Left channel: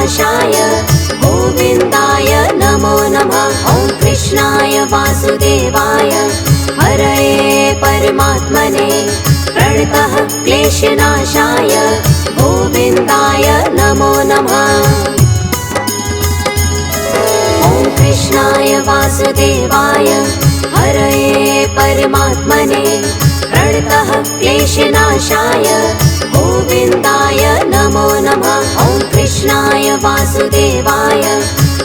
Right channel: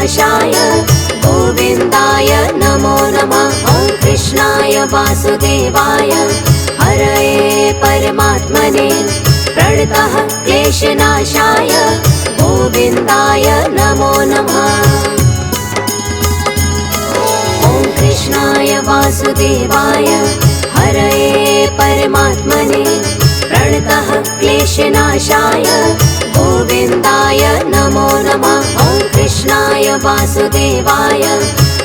क्लेशनाशाय गोविन्दाय नमो नमः। ॐ कृष्णाय वासुदेवाय हरये परमात्मने प्रणतः क्लेशनाशाय गोविन्दाय नमो नमः। ॐ कृष्णाय वासुदेवाय हरये परमात्मने प्रणतः क्लेशनाशाय गोविन्दाय नमो नमः। ॐ कृष्णाय वासुदेवाय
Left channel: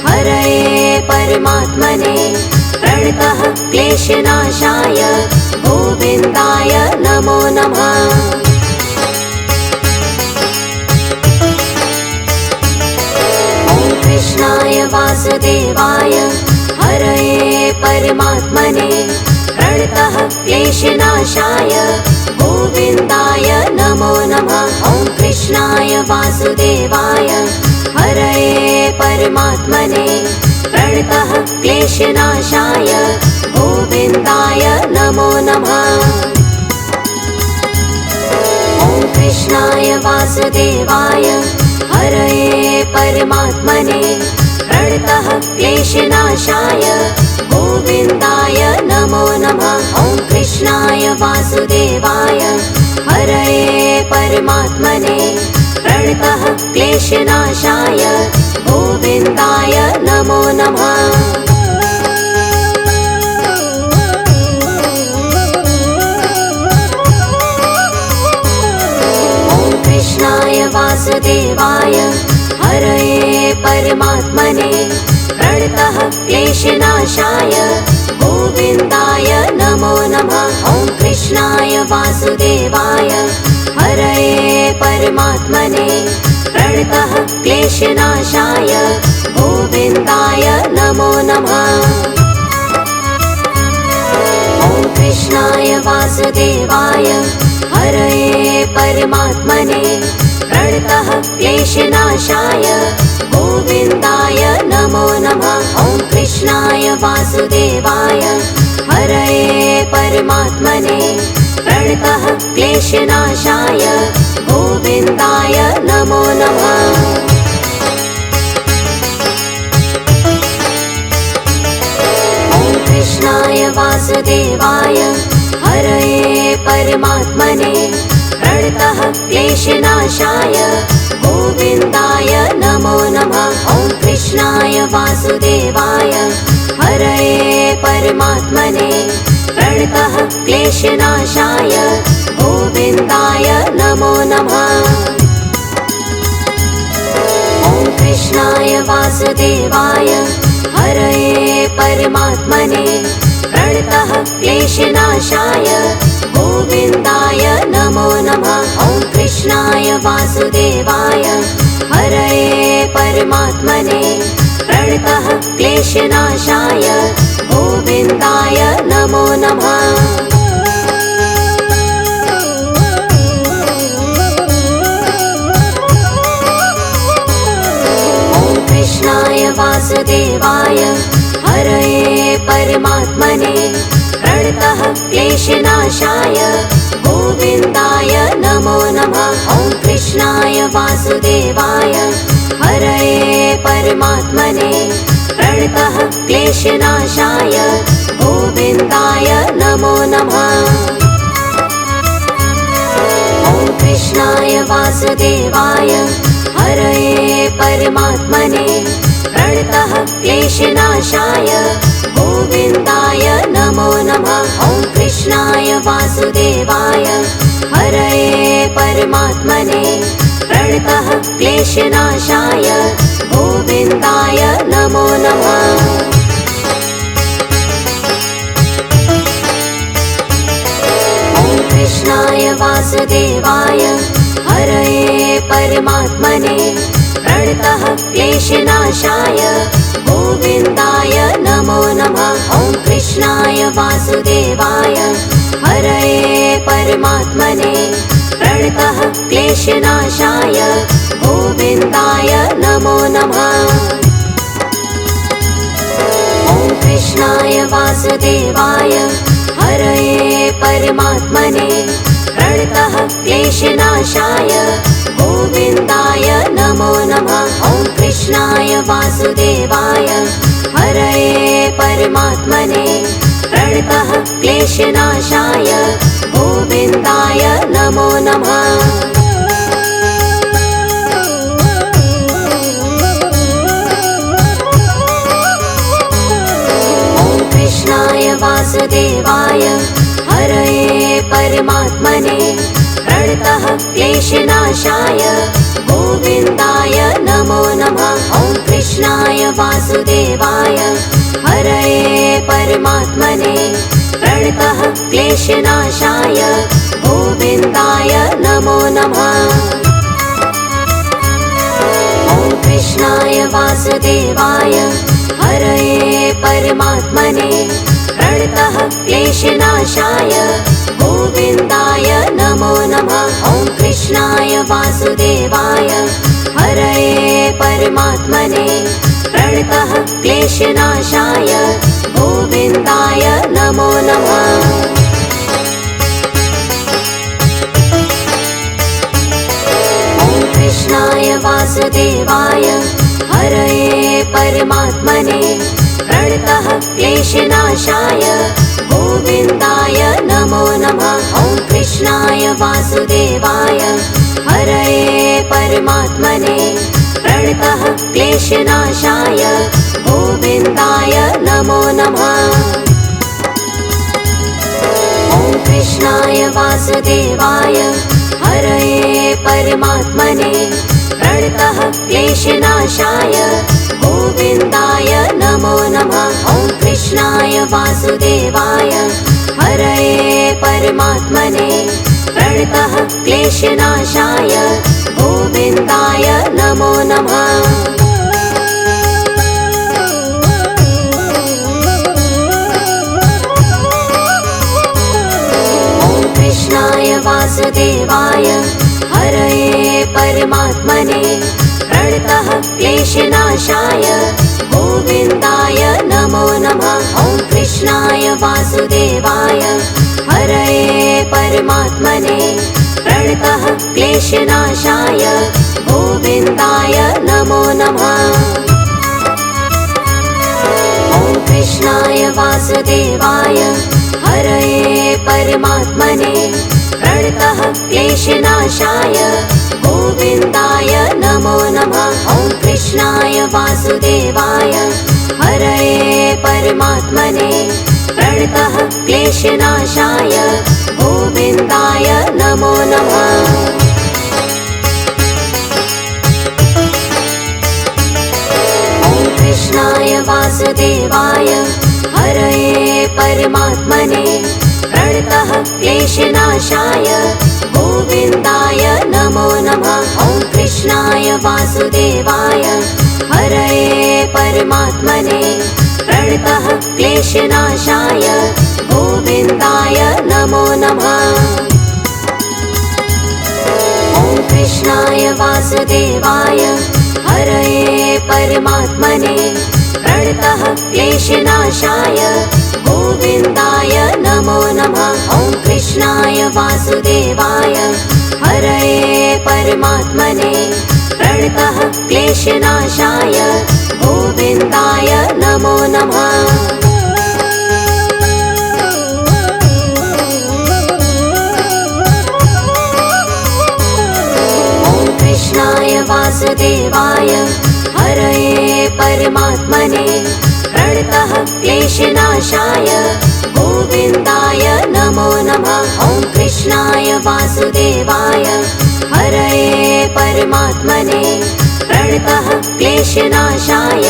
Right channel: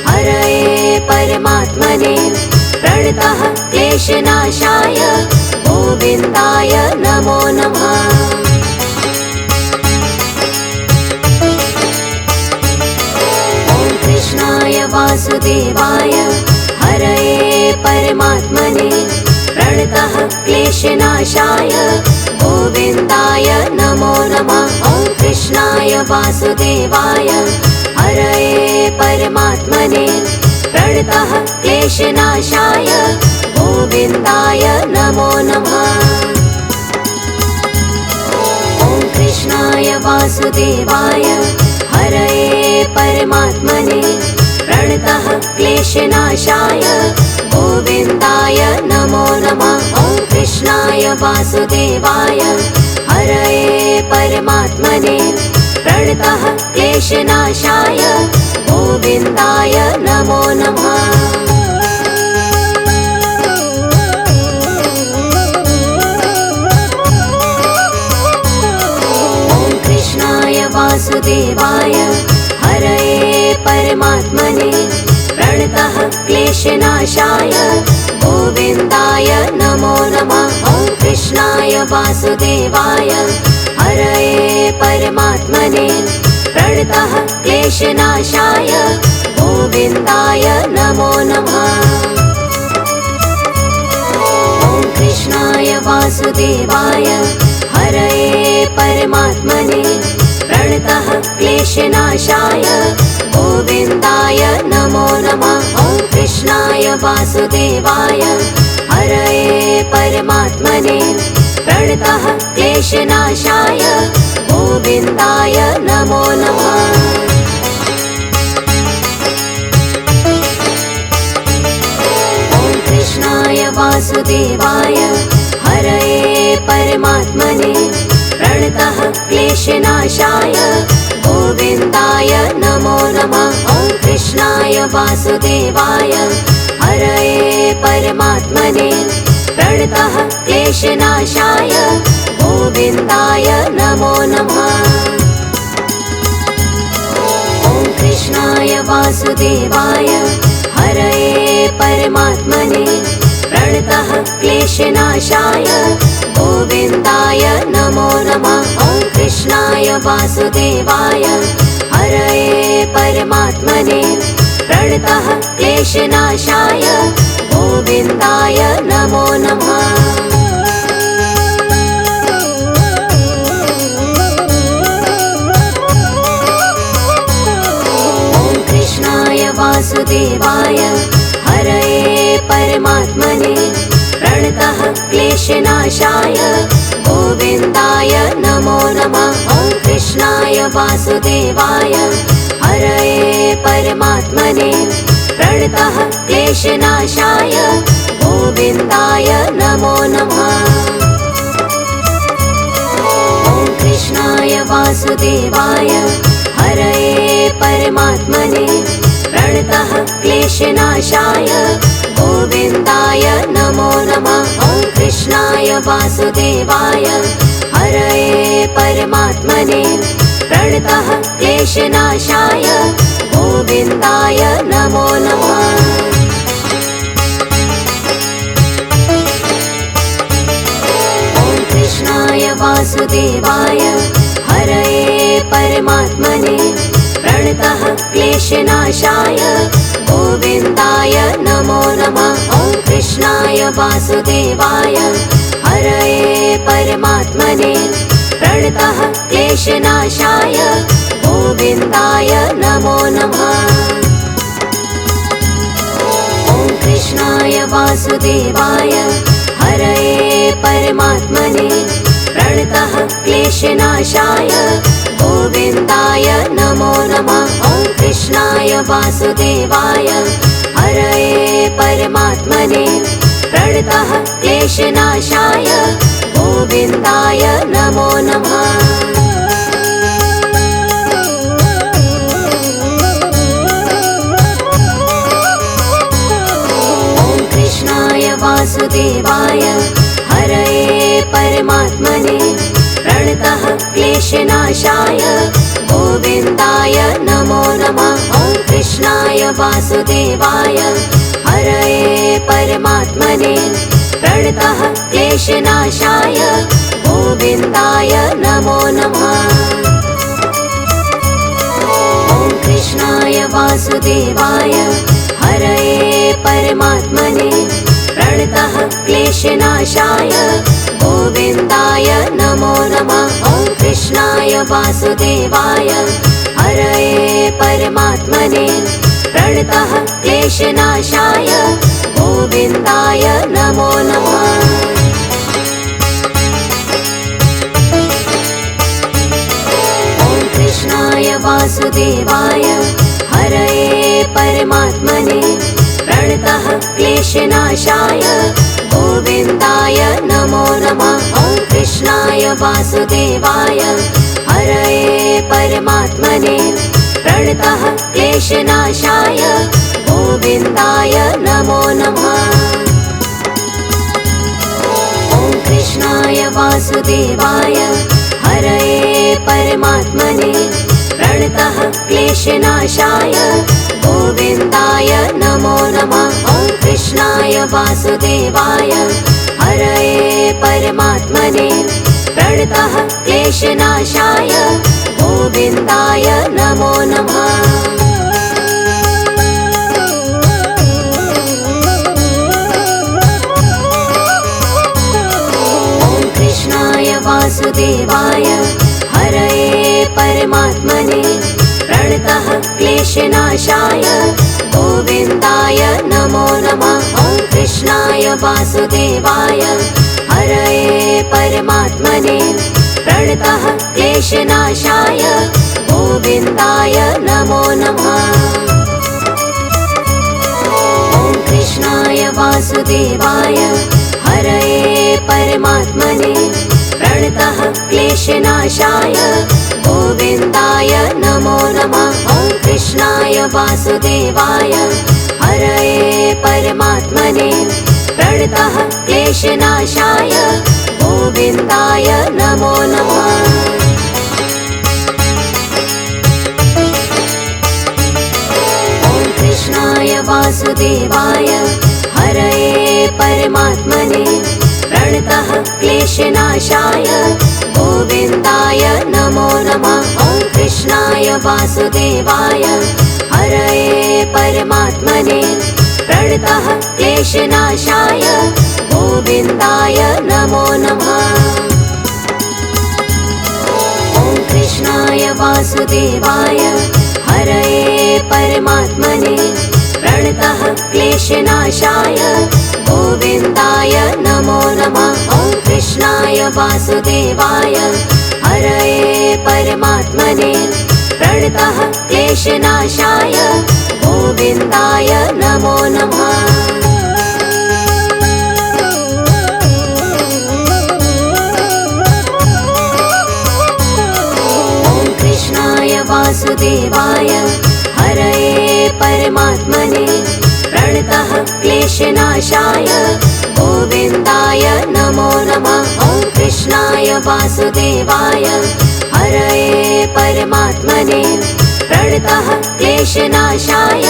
हरये परमात्मने प्रणतः क्लेशनाशाय गोविन्दाय नमो नमः। ॐ कृष्णाय वासुदेवाय हरये परमात्मने प्रणतः क्लेशनाशाय गोविन्दाय नमो नमः। ॐ कृष्णाय वासुदेवाय हरये परमात्मने प्रणतः क्लेशनाशाय गोविन्दाय नमो नमः। ॐ कृष्णाय वासुदेवाय हरये परमात्मने प्रणतः क्लेशनाशाय गोविन्दाय नमो नमः। ॐ कृष्णाय वासुदेवाय हरये परमात्मने प्रणतः क्लेशनाशाय गोविन्दाय नमो नमः। ॐ कृष्णाय वासुदेवाय हरये परमात्मने प्रणतः क्लेशनाशाय गोविन्दाय नमो नमः। ॐ कृष्णाय वासुदेवाय हरये परमात्मने प्रणतः क्लेशनाशाय गोविन्दाय नमो नमः। ॐ कृष्णाय वासुदेवाय हरये परमात्मने प्रणतः क्लेशनाशाय गोविन्दाय नमो नमः। ॐ कृष्णाय वासुदेवाय हरये परमात्मने प्रणतः क्लेशनाशाय गोविन्दाय नमो नमः। ॐ कृष्णाय वासुदेवाय हरये परमात्मने प्रणतः क्लेशनाशाय गोविन्दाय नमो नमः। ॐ कृष्णाय वासुदेवाय हरये परमात्मने प्रणतः क्लेशनाशाय गोविन्दाय नमो नमः। ॐ कृष्णाय वासुदेवाय हरये परमात्मने प्रणतः क्लेशनाशाय गोविन्दाय नमो नमः। ॐ कृष्णाय वासुदेवाय हरये परमात्मने प्रणतः क्लेशनाशाय गोविन्दाय नमो नमः। ॐ कृष्णाय वासुदेवाय हरये परमात्मने प्रणतः क्लेशनाशाय गोविन्दाय नमो नमः। ॐ कृष्णाय वासुदेवाय हरये परमात्मने प्रणतः क्लेशनाशाय गोविन्दाय नमो नमः। ॐ कृष्णाय वासुदेवाय हरये परमात्मने प्रणतः क्लेशनाशाय गोविन्दाय नमो नमः। ॐ कृष्णाय वासुदेवाय हरये परमात्मने प्रणतः क्लेशनाशाय गोविन्दाय नमो नमः। ॐ कृष्णाय वासुदेवाय हरये परमात्मने प्रणतः क्लेशनाशाय गोविन्दाय नमो नमः। ॐ कृष्णाय वासुदेवाय हरये परमात्मने प्रणतः क्लेशनाशाय गोविन्दाय नमो नमः। ॐ कृष्णाय वासुदेवाय हरये परमात्मने प्रणतः क्लेशनाशाय गोविन्दाय नमो नमः। ॐ वासुदेवाय हरये परमात्मने प्रणतः क्लेशनाशाय गोविन्दाय नमो नमः। वासुदेवाय हरये परमात्मने प्रणतः क्लेशनाशाय गोविन्दाय नमो नमः। ॐ कृष्णाय वासुदेवाय हरये परमात्मने प्रणतः क्लेशनाशाय गोविन्दाय नमो नमः। ॐ कृष्णाय वासुदेवाय हरये परमात्मने प्रणतः क्लेशनाशाय गोविन्दाय नमो नमः। ॐ कृष्णाय वासुदेवाय हरये परमात्मने प्रणतः क्लेशनाशाय गोविन्दाय नमो नमः। ॐ कृष्णाय वासुदेवाय हरये परमात्मने प्रणतः क्लेशनाशाय गोविन्दाय नमो नमः। ॐ कृष्णाय वासुदेवाय हरये परमात्मने प्रणतः क्लेशनाशाय गोविन्दाय नमो नमः। ॐ कृष्णाय वासुदेवाय हरये परमात्मने प्रणतः क्लेशनाशाय गोविन्दाय नमो नमः। ॐ कृष्णाय वासुदेवाय हरये परमात्मने प्रणतः क्लेशनाशाय गोविन्दाय नमो नमः। ॐ कृष्णाय वासुदेवाय हरये परमात्मने प्रणतः क्लेशनाशाय गोविन्दाय नमो नमः। ॐ कृष्णाय वासुदेवाय हरये परमात्मने प्रणतः क्लेशनाशाय गोविन्दाय नमो नमः। ॐ कृष्णाय वासुदेवाय हरये परमात्मने प्रणतः क्लेशनाशाय गोविन्दाय नमो नमः। ॐ कृष्णाय वासुदेवाय हरये परमात्मने प्रणतः क्लेशनाशाय गोविन्दाय नमो नमः। ॐ कृष्णाय वासुदेवाय हरये परमात्मने प्रणतः क्लेशनाशाय गोविन्दाय नमो नमः। ॐ कृष्णाय वासुदेवाय हरये परमात्मने प्रणतः क्लेशनाशाय गोविन्दाय नमो नमः। ॐ कृष्णाय वासुदेवाय हरये परमात्मने प्रणतः क्लेशनाशाय गोविन्दाय नमो नमः। ॐ कृष्णाय वासुदेवाय हरये परमात्मने प्रणतः क्लेशनाशाय गोविन्दाय नमो नमः। ॐ कृष्णाय वासुदेवाय हरये परमात्मने प्रणतः क्लेशनाशाय गोविन्दाय नमो नमः। ॐ कृष्णाय वासुदेवाय हरये परमात्मने प्रणतः क्लेशनाशाय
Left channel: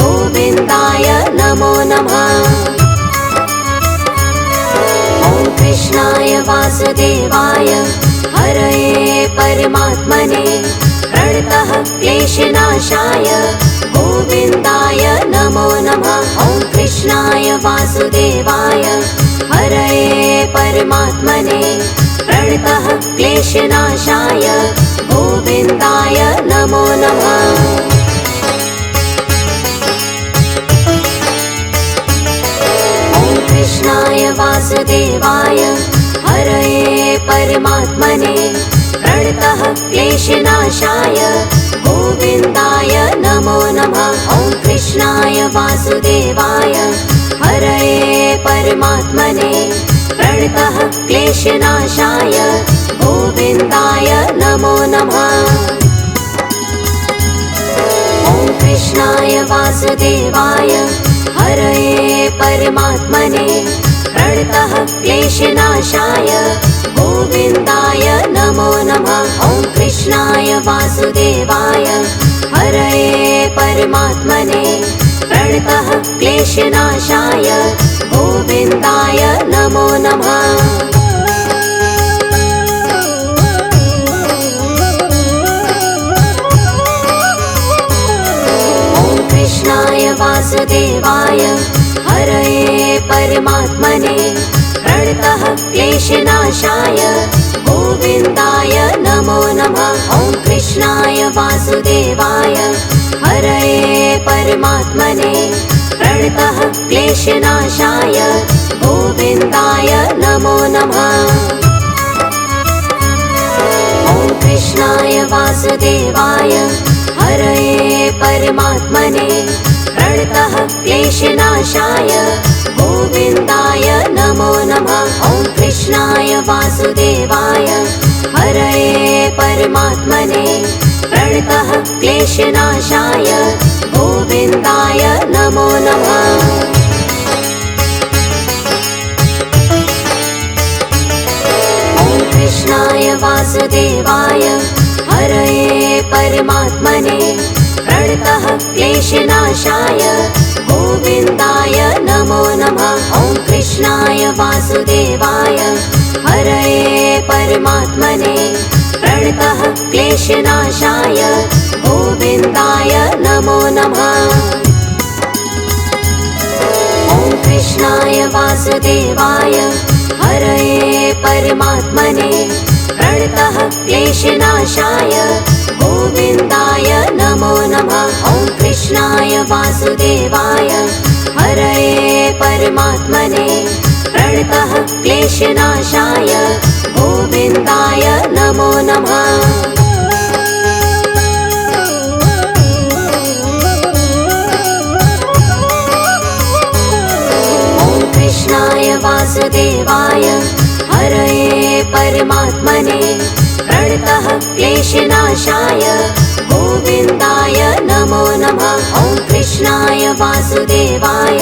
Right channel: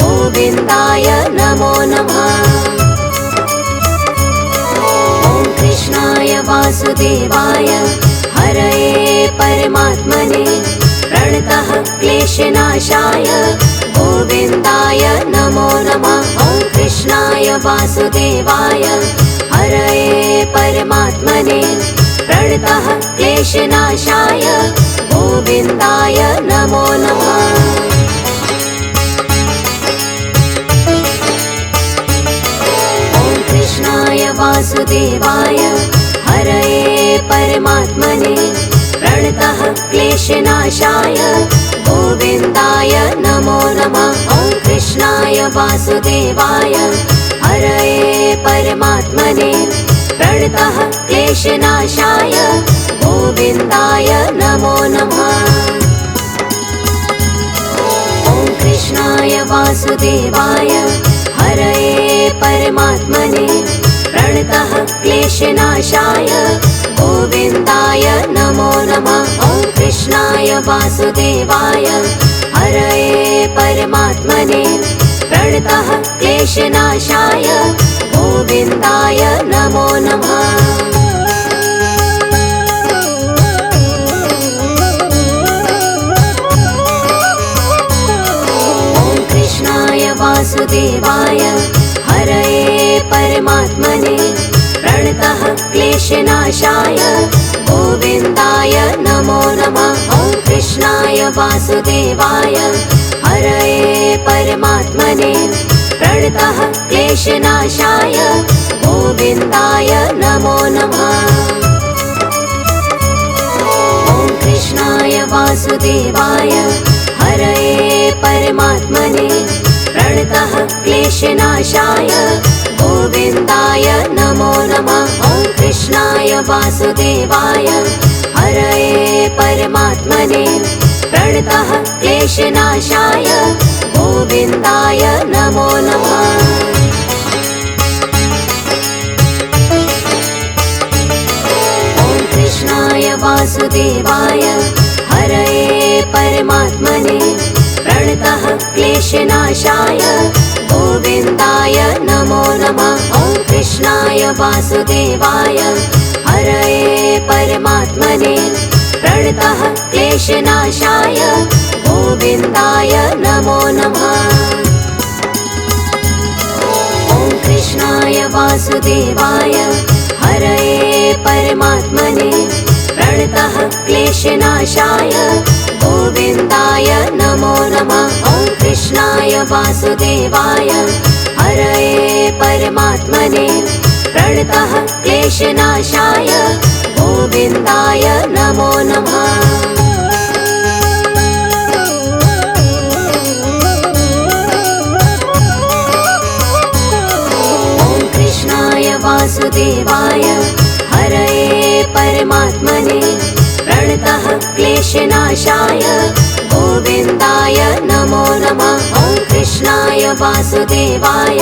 गोविन्दाय नमो नमः। ॐ कृष्णाय वासुदेवाय हरये परमात्मने प्रणतः क्लेशनाशाय गोविन्दाय नमो नमः। ॐ कृष्णाय वासुदेवाय हरये परमात्मने प्रणतः क्लेशनाशाय गोविन्दाय नमो नमः। ॐ कृष्णाय वासुदेवाय हरये परमात्मने प्रणतः क्लेशनाशाय गोविन्दाय नमो नमः। ॐ वासुदेवाय हरये परमात्मने प्रणतः क्लेशनाशाय गोविन्दाय नमो नमः। ॐ कृष्णाय वासुदेवाय हरये परमात्मने प्रणतः क्लेशनाशाय गोविन्दाय नमो नमः। ॐ कृष्णाय वासुदेवाय हरये परमात्मने प्रणतः क्लेशनाशाय गोविन्दाय नमो नमः। ॐ कृष्णाय वासुदेवाय हरये परमात्मने प्रणतः क्लेशनाशाय गोविन्दाय नमो नमः। ॐ कृष्णाय वासुदेवाय हरये परमात्मने प्रणतः क्लेशनाशाय गोविन्दाय नमो नमः। ॐ कृष्णाय वासुदेवाय हरये परमात्मने प्रणतः क्लेशनाशाय गोविन्दाय नमो नमः। ॐ कृष्णाय वासुदेवाय हरये परमात्मने प्रणतः क्लेशनाशाय गोविन्दाय नमो नमः। ॐ कृष्णाय वासुदेवाय हरये परमात्मने प्रणतः क्लेशनाशाय गोविन्दाय नमो नमः। ॐ कृष्णाय वासुदेवाय हरये परमात्मने प्रणतः क्लेशनाशाय गोविन्दाय नमो नमः। ॐ कृष्णाय वासुदेवाय हरये परमात्मने प्रणतः क्लेशनाशाय गोविन्दाय नमो नमः। ॐ कृष्णाय वासुदेवाय हरये परमात्मने प्रणतः क्लेशनाशाय गोविन्दाय नमो नमः। ॐ कृष्णाय वासुदेवाय हरये परमात्मने प्रणतः क्लेशनाशाय गोविन्दाय नमो नमः। ॐ कृष्णाय वासुदेवाय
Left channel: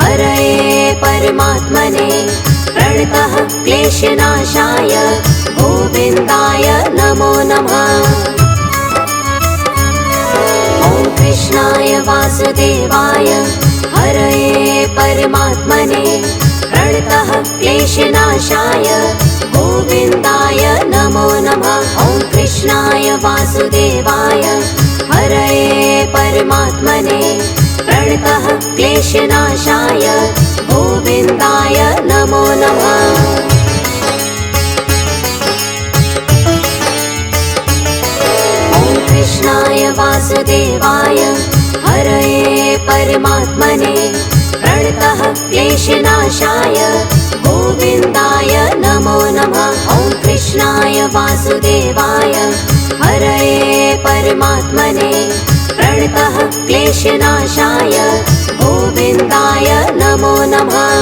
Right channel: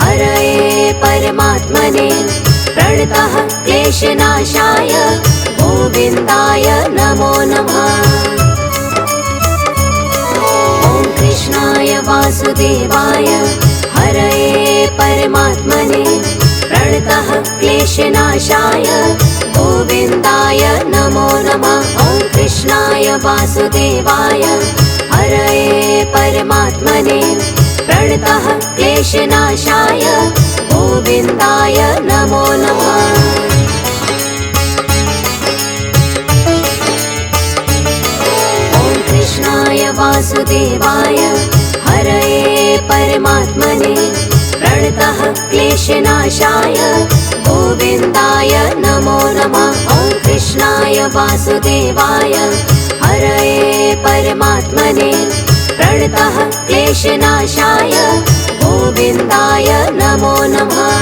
हरये परमात्मने प्रणतः क्लेशनाशाय गोविन्दाय नमो नमः। ॐ कृष्णाय वासुदेवाय हरये परमात्मने प्रणतः क्लेशनाशाय गोविन्दाय नमो नमः। ॐ कृष्णाय वासुदेवाय हरये परमात्मने प्रणतः क्लेशनाशाय गोविन्दाय नमो नमः। ॐ कृष्णाय वासुदेवाय हरये परमात्मने प्रणतः क्लेशनाशाय गोविन्दाय नमो नमः। ॐ कृष्णाय वासुदेवाय हरये परमात्मने प्रणतः क्लेशनाशाय गोविन्दाय नमो नमः।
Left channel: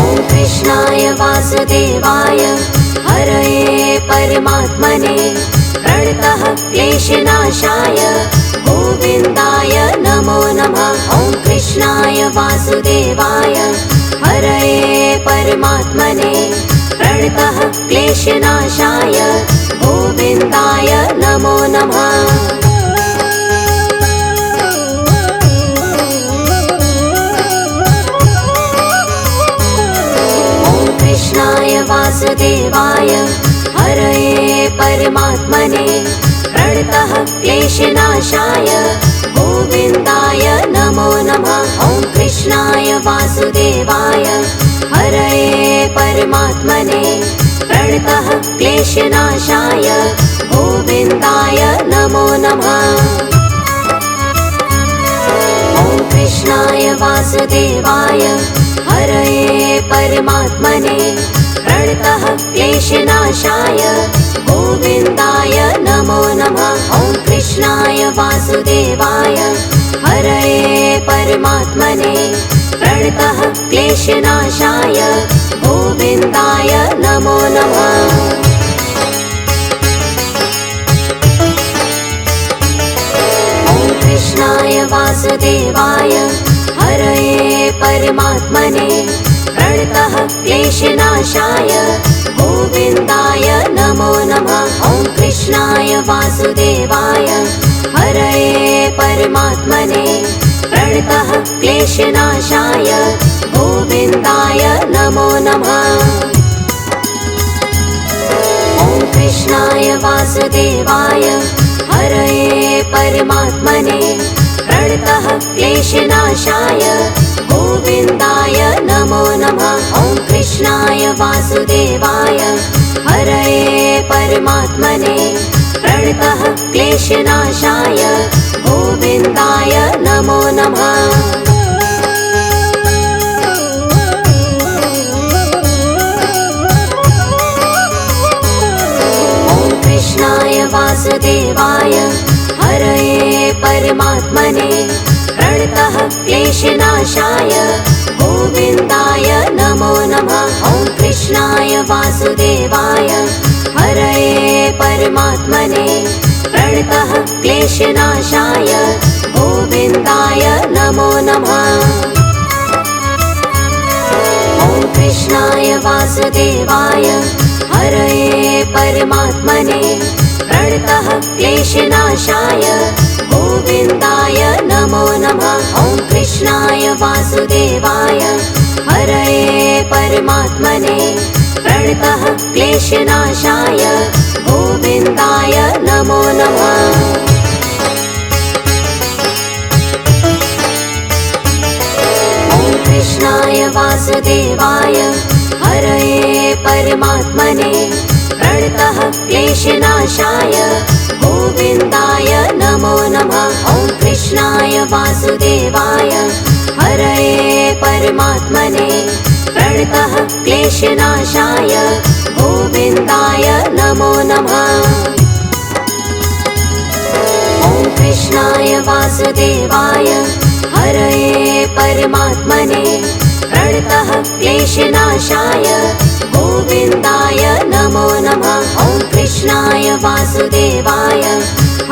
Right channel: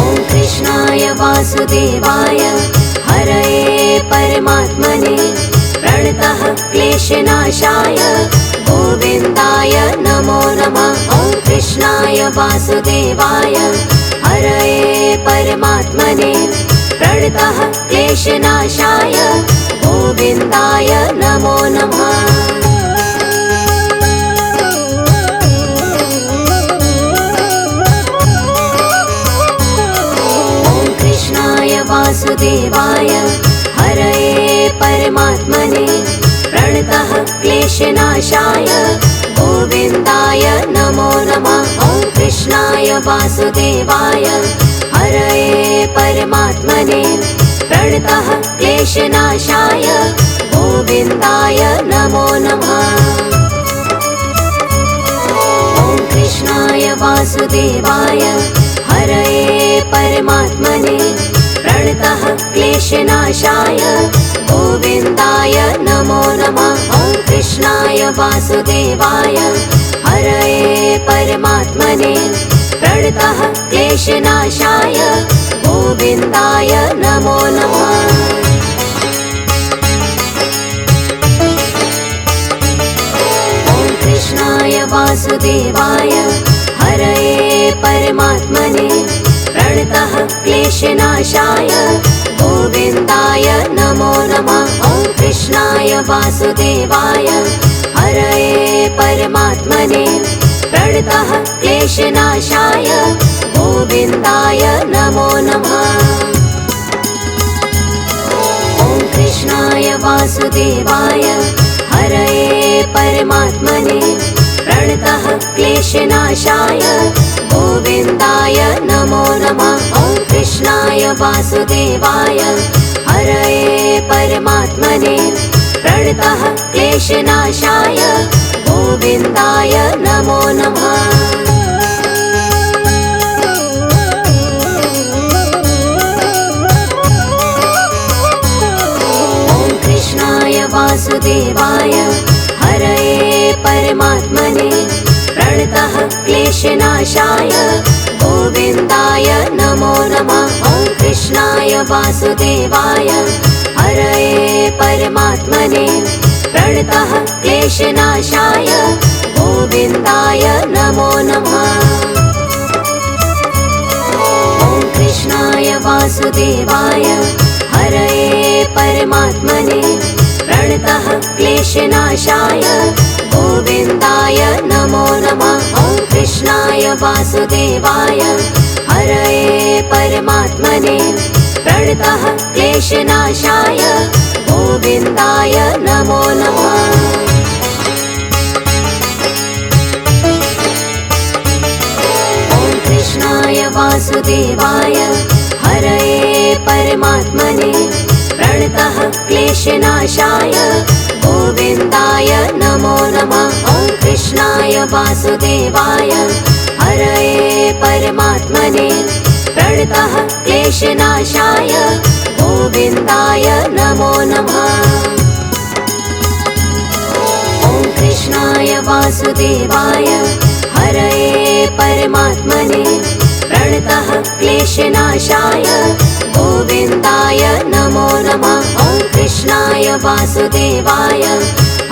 ॐ कृष्णाय वासुदेवाय हरये परमात्मने प्रणतः क्लेशनाशाय गोविन्दाय नमो नमः। ॐ कृष्णाय वासुदेवाय हरये परमात्मने प्रणतः क्लेशनाशाय गोविन्दाय नमो नमः। ॐ कृष्णाय वासुदेवाय हरये परमात्मने प्रणतः क्लेशनाशाय गोविन्दाय नमो नमः। ॐ कृष्णाय वासुदेवाय हरये परमात्मने प्रणतः क्लेशनाशाय गोविन्दाय नमो नमः। ॐ कृष्णाय वासुदेवाय हरये परमात्मने प्रणतः क्लेशनाशाय गोविन्दाय नमो नमः। ॐ कृष्णाय वासुदेवाय वासुदेवाय हरये परमात्मने प्रणतः क्लेशनाशाय गोविन्दाय नमो नमः। कृष्णाय वासुदेवाय हरये परमात्मने प्रणतः क्लेशनाशाय गोविन्दाय नमो नमः। ॐ कृष्णाय वासुदेवाय हरये परमात्मने प्रणतः क्लेशनाशाय गोविन्दाय नमो नमः। ॐ कृष्णाय वासुदेवाय हरये परमात्मने प्रणतः क्लेशनाशाय गोविन्दाय नमो नमः। ॐ कृष्णाय वासुदेवाय हरये परमात्मने प्रणतः क्लेशनाशाय गोविन्दाय नमो नमः। वासुदेवाय हरये परमात्मने प्रणतः क्लेशनाशाय गोविन्दाय नमो नमः। ॐ कृष्णाय वासुदेवाय हरये परमात्मने प्रणतः क्लेशनाशाय गोविन्दाय नमो नमः। ॐ कृष्णाय वासुदेवाय हरये परमात्मने प्रणतः क्लेशनाशाय गोविन्दाय नमो नमः। ॐ कृष्णाय वासुदेवाय हरये परमात्मने प्रणतः क्लेशनाशाय गोविन्दाय नमो नमः। ॐ कृष्णाय वासुदेवाय हरये परमात्मने प्रणतः क्लेशनाशाय गोविन्दाय नमो नमः। ॐ कृष्णाय वासुदेवाय हरये परमात्मने प्रणतः क्लेशनाशाय गोविन्दाय नमो नमः। ॐ कृष्णाय वासुदेवाय हरये परमात्मने प्रणतः क्लेशनाशाय गोविन्दाय नमो नमः। ॐ कृष्णाय वासुदेवाय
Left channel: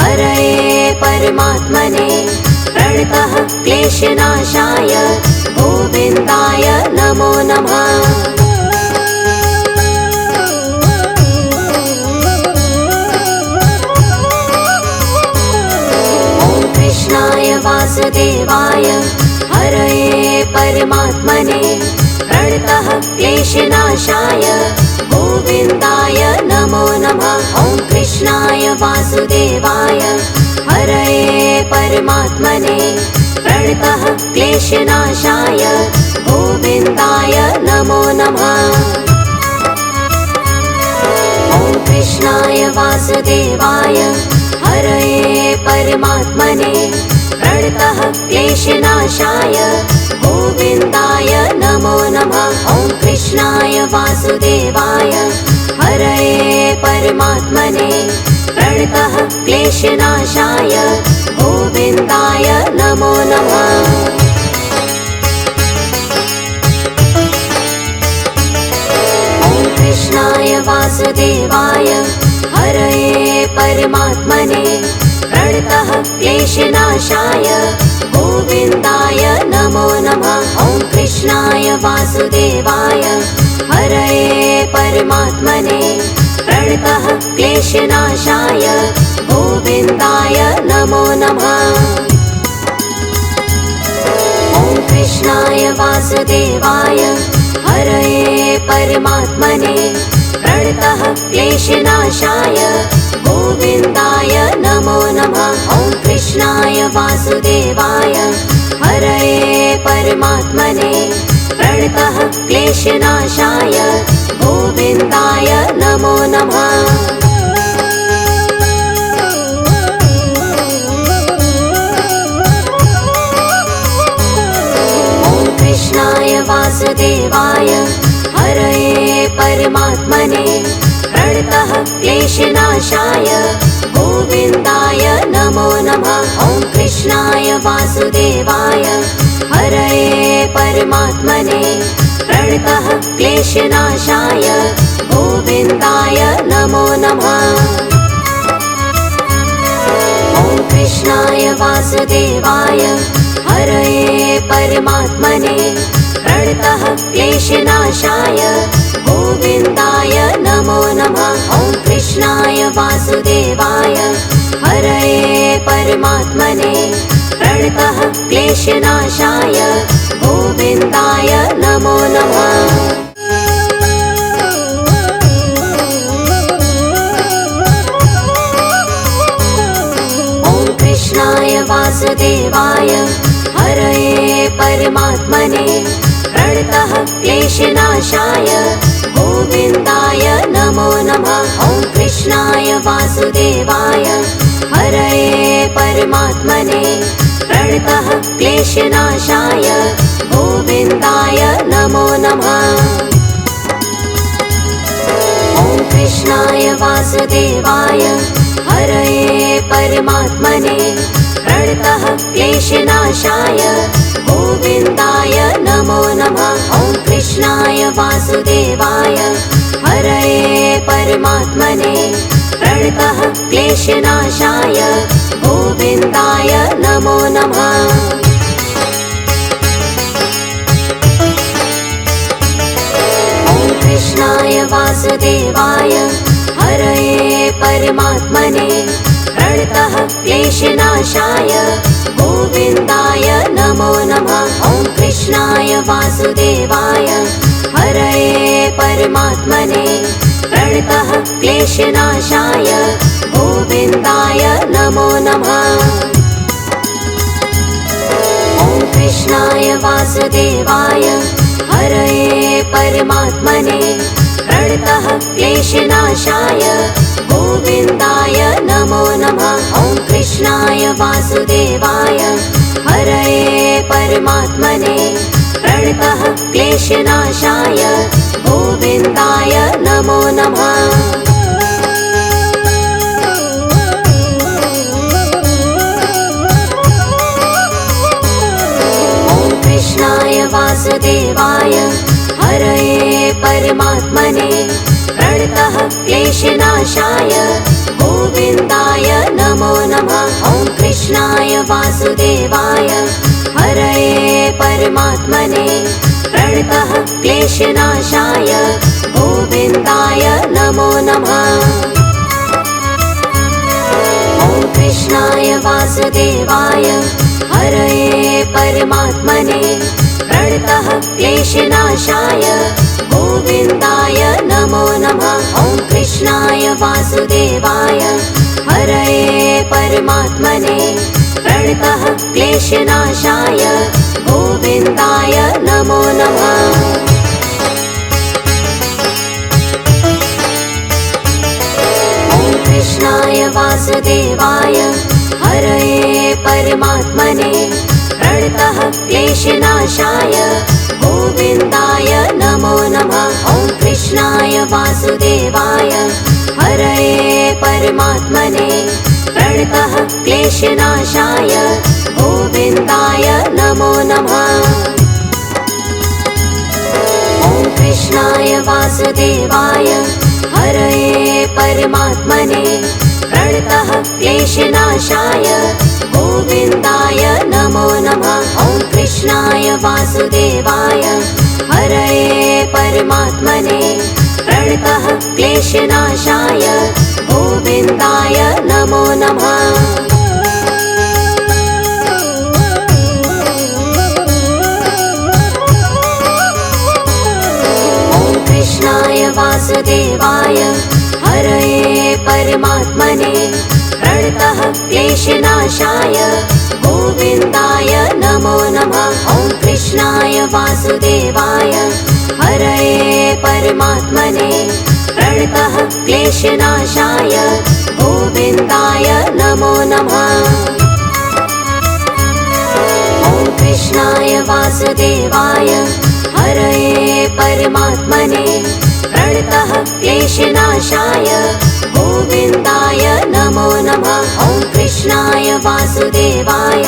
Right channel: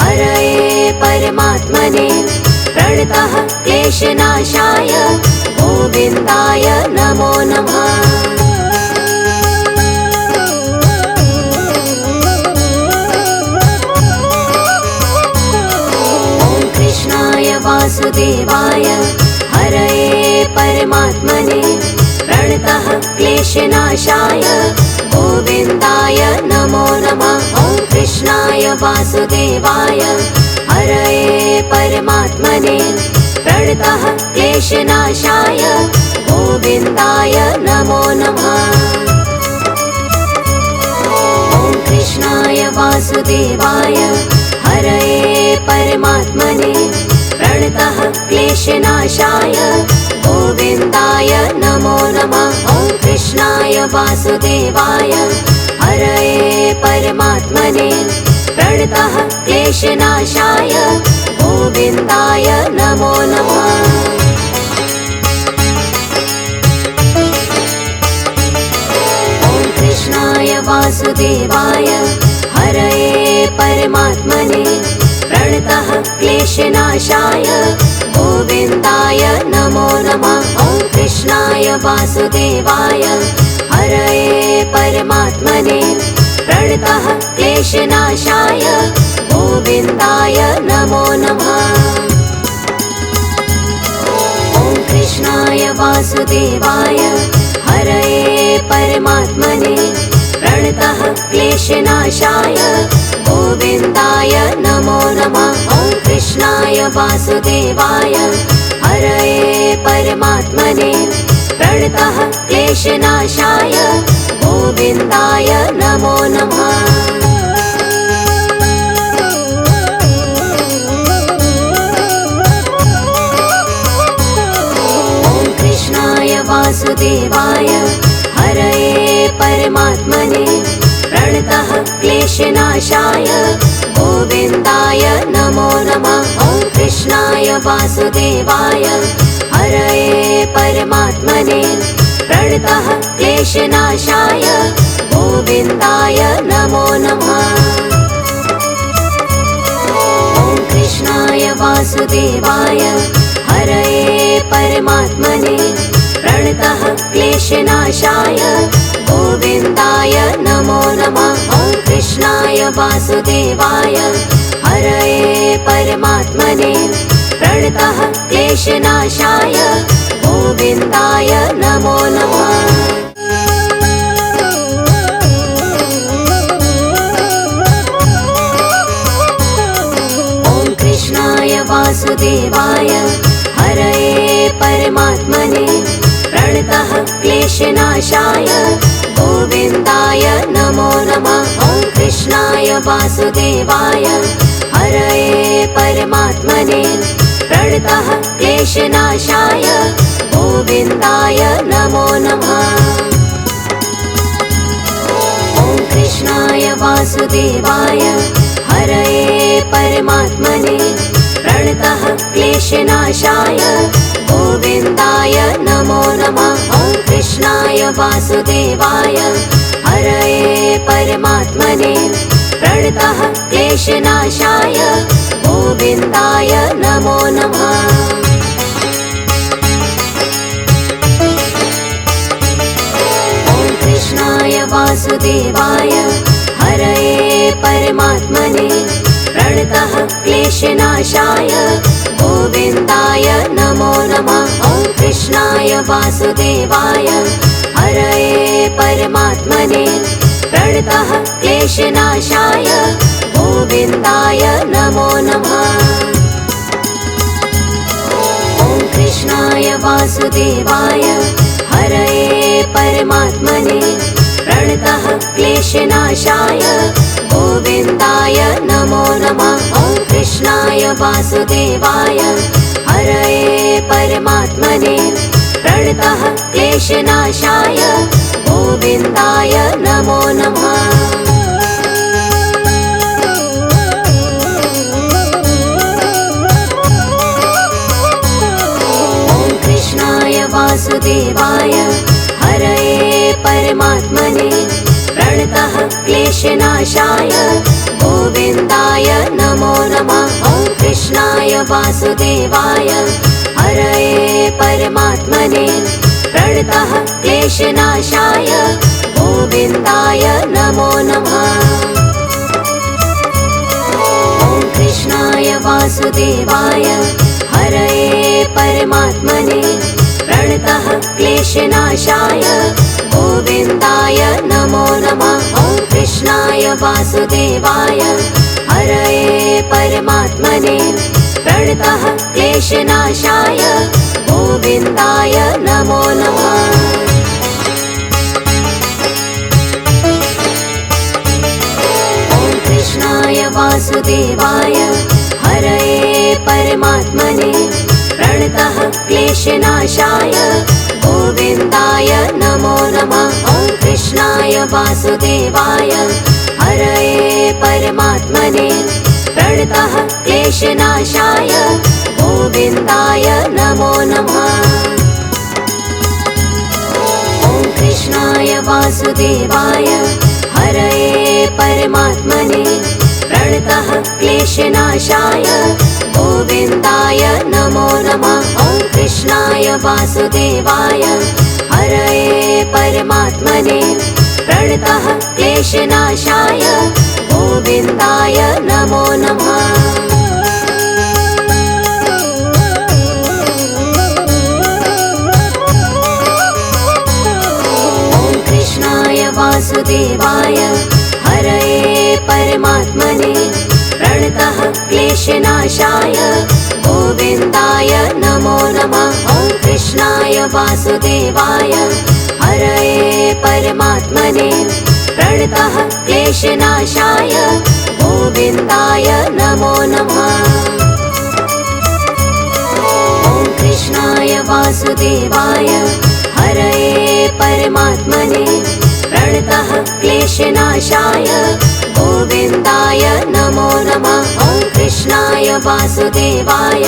हरये परमात्मने प्रणतः क्लेशनाशाय गोविन्दाय नमो नमः। ॐ कृष्णाय वासुदेवाय हरये परमात्मने प्रणतः क्लेशनाशाय गोविन्दाय नमो नमः। ॐ कृष्णाय वासुदेवाय हरये परमात्मने प्रणतः क्लेशनाशाय गोविन्दाय नमो नमः। ॐ कृष्णाय वासुदेवाय हरये परमात्मने प्रणतः क्लेशनाशाय गोविन्दाय नमो नमः। ॐ कृष्णाय वासुदेवाय हरये परमात्मने प्रणतः क्लेशनाशाय गोविन्दाय नमो नमः। ॐ कृष्णाय वासुदेवाय हरये परमात्मने प्रणतः क्लेशनाशाय गोविन्दाय नमो नमः। ॐ कृष्णाय वासुदेवाय हरये परमात्मने प्रणतः क्लेशनाशाय गोविन्दाय नमो नमः। ॐ कृष्णाय वासुदेवाय हरये परमात्मने प्रणतः क्लेशनाशाय गोविन्दाय नमो नमः। ॐ कृष्णाय वासुदेवाय हरये परमात्मने प्रणतः क्लेशनाशाय गोविन्दाय नमो नमः। ॐ कृष्णाय वासुदेवाय हरये परमात्मने प्रणतः क्लेशनाशाय गोविन्दाय नमो नमः। ॐ वासुदेवाय हरये परमात्मने प्रणतः क्लेशनाशाय गोविन्दाय नमो नमः। ॐ कृष्णाय वासुदेवाय हरये परमात्मने प्रणतः क्लेशनाशाय गोविन्दाय नमो नमः। ॐ कृष्णाय वासुदेवाय हरये परमात्मने प्रणतः क्लेशनाशाय गोविन्दाय नमो नमः। ॐ कृष्णाय वासुदेवाय हरये परमात्मने प्रणतः क्लेशनाशाय गोविन्दाय नमो नमः। ॐ कृष्णाय वासुदेवाय हरये परमात्मने प्रणतः क्लेशनाशाय गोविन्दाय नमो नमः। ॐ कृष्णाय वासुदेवाय हरये परमात्मने प्रणतः क्लेशनाशाय गोविन्दाय नमो नमः। ॐ कृष्णाय वासुदेवाय हरये परमात्मने प्रणतः क्लेशनाशाय गोविन्दाय नमो नमः। ॐ कृष्णाय वासुदेवाय हरये परमात्मने प्रणतः क्लेशनाशाय गोविन्दाय नमो नमः। ॐ कृष्णाय वासुदेवाय हरये परमात्मने प्रणतः क्लेशनाशाय गोविन्दाय नमो नमः। ॐ कृष्णाय वासुदेवाय हरये परमात्मने प्रणतः क्लेशनाशाय गोविन्दाय नमो नमः। ॐ कृष्णाय वासुदेवाय हरये परमात्मने प्रणतः क्लेशनाशाय गोविन्दाय नमो नमः। ॐ कृष्णाय वासुदेवाय हरये परमात्मने प्रणतः क्लेशनाशाय गोविन्दाय नमो नमः। ॐ कृष्णाय वासुदेवाय हरये परमात्मने प्रणतः क्लेशनाशाय गोविन्दाय नमो नमः। ॐ कृष्णाय वासुदेवाय हरये परमात्मने प्रणतः क्लेशनाशाय गोविन्दाय नमो नमः। ॐ कृष्णाय वासुदेवाय हरये परमात्मने प्रणतः क्लेशनाशाय गोविन्दाय नमो नमः। ॐ कृष्णाय वासुदेवाय हरये परमात्मने प्रणतः क्लेशनाशाय गोविन्दाय नमो नमः। ॐ कृष्णाय वासुदेवाय हरये परमात्मने प्रणतः क्लेशनाशाय गोविन्दाय नमो नमः। ॐ कृष्णाय वासुदेवाय हरये परमात्मने प्रणतः क्लेशनाशाय गोविन्दाय नमो नमः। ॐ कृष्णाय वासुदेवाय हरये परमात्मने प्रणतः क्लेशनाशाय गोविन्दाय नमो नमः। ॐ कृष्णाय वासुदेवाय हरये परमात्मने प्रणतः क्लेशनाशाय गोविन्दाय नमो नमः। ॐ कृष्णाय वासुदेवाय हरये परमात्मने प्रणतः क्लेशनाशाय गोविन्दाय नमो नमः। ॐ कृष्णाय वासुदेवाय हरये परमात्मने प्रणतः क्लेशनाशाय गोविन्दाय नमो नमः। ॐ कृष्णाय वासुदेवाय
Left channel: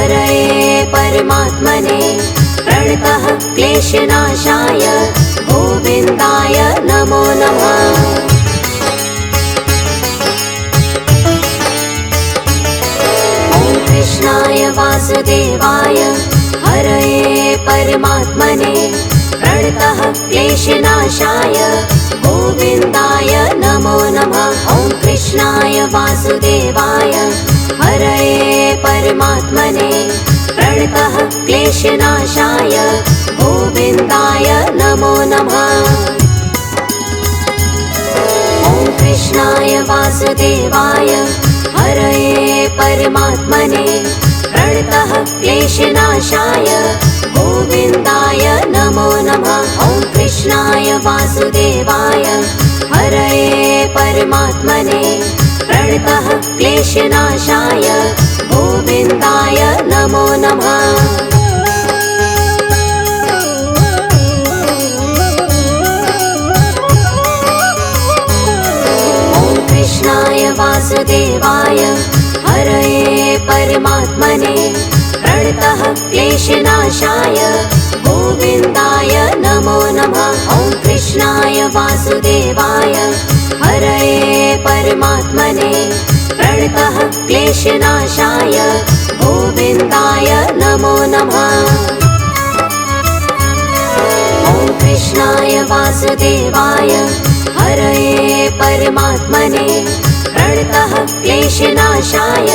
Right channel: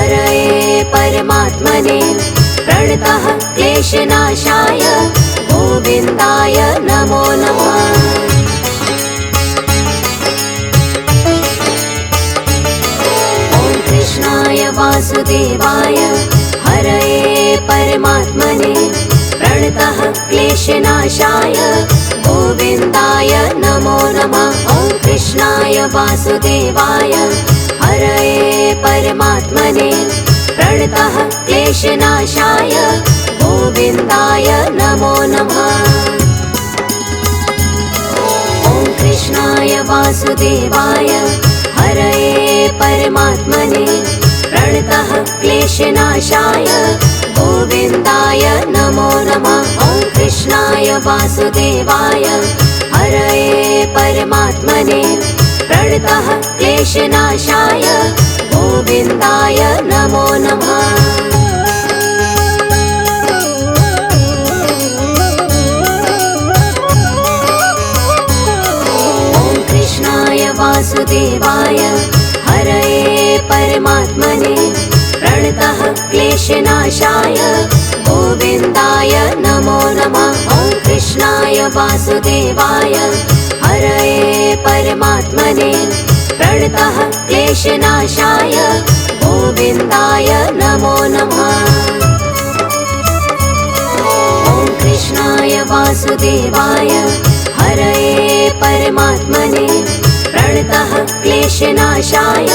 हरये परमात्मने प्रणतः क्लेशनाशाय गोविन्दाय नमो नमः। कृष्णाय वासुदेवाय हरये परमात्मने प्रणतः क्लेशनाशाय गोविन्दाय नमो नमः। ॐ कृष्णाय वासुदेवाय हरये परमात्मने प्रणतः क्लेशनाशाय गोविन्दाय नमो नमः। ॐ कृष्णाय वासुदेवाय हरये परमात्मने प्रणतः क्लेशनाशाय गोविन्दाय नमो नमः। ॐ कृष्णाय वासुदेवाय हरये परमात्मने प्रणतः क्लेशनाशाय गोविन्दाय नमो नमः। वासुदेवाय हरये परमात्मने प्रणतः क्लेशनाशाय गोविन्दाय नमो नमः। ॐ कृष्णाय वासुदेवाय हरये परमात्मने प्रणतः क्लेशनाशाय गोविन्दाय नमो नमः। ॐ कृष्णाय वासुदेवाय हरये परमात्मने प्रणतः क्लेशनाशाय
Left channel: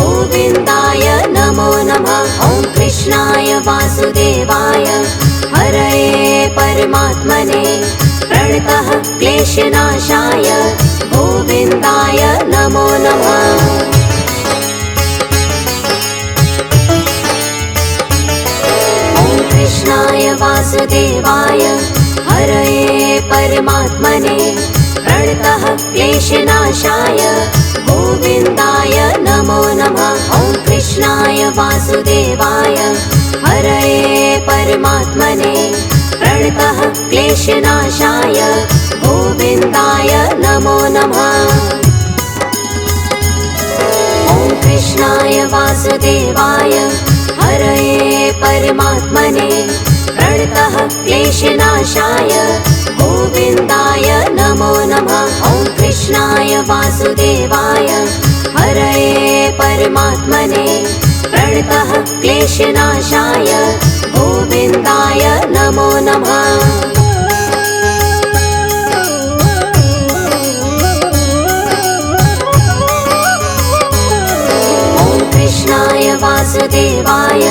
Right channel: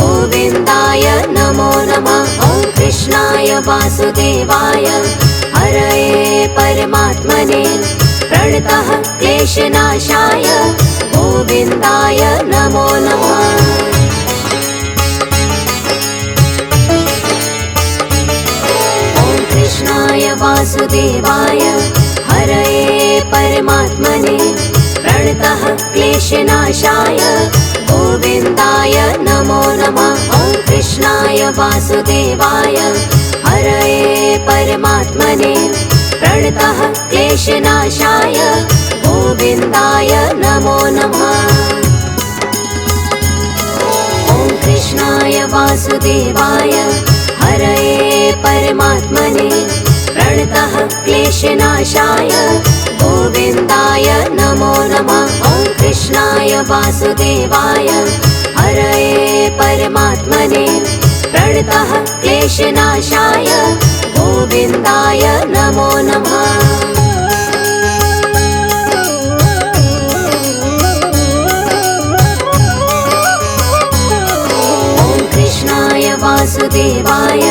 गोविन्दाय नमो नमः। ॐ कृष्णाय वासुदेवाय हरये परमात्मने प्रणतः क्लेशनाशाय गोविन्दाय नमो नमः। ॐ कृष्णाय वासुदेवाय हरये परमात्मने प्रणतः क्लेशनाशाय गोविन्दाय नमो नमः। ॐ कृष्णाय वासुदेवाय हरये परमात्मने प्रणतः क्लेशनाशाय गोविन्दाय नमो नमः। ॐ कृष्णाय वासुदेवाय हरये परमात्मने प्रणतः क्लेशनाशाय गोविन्दाय नमो नमः। ॐ कृष्णाय वासुदेवाय हरये परमात्मने प्रणतः क्लेशनाशाय गोविन्दाय नमो नमः। ॐ कृष्णाय वासुदेवाय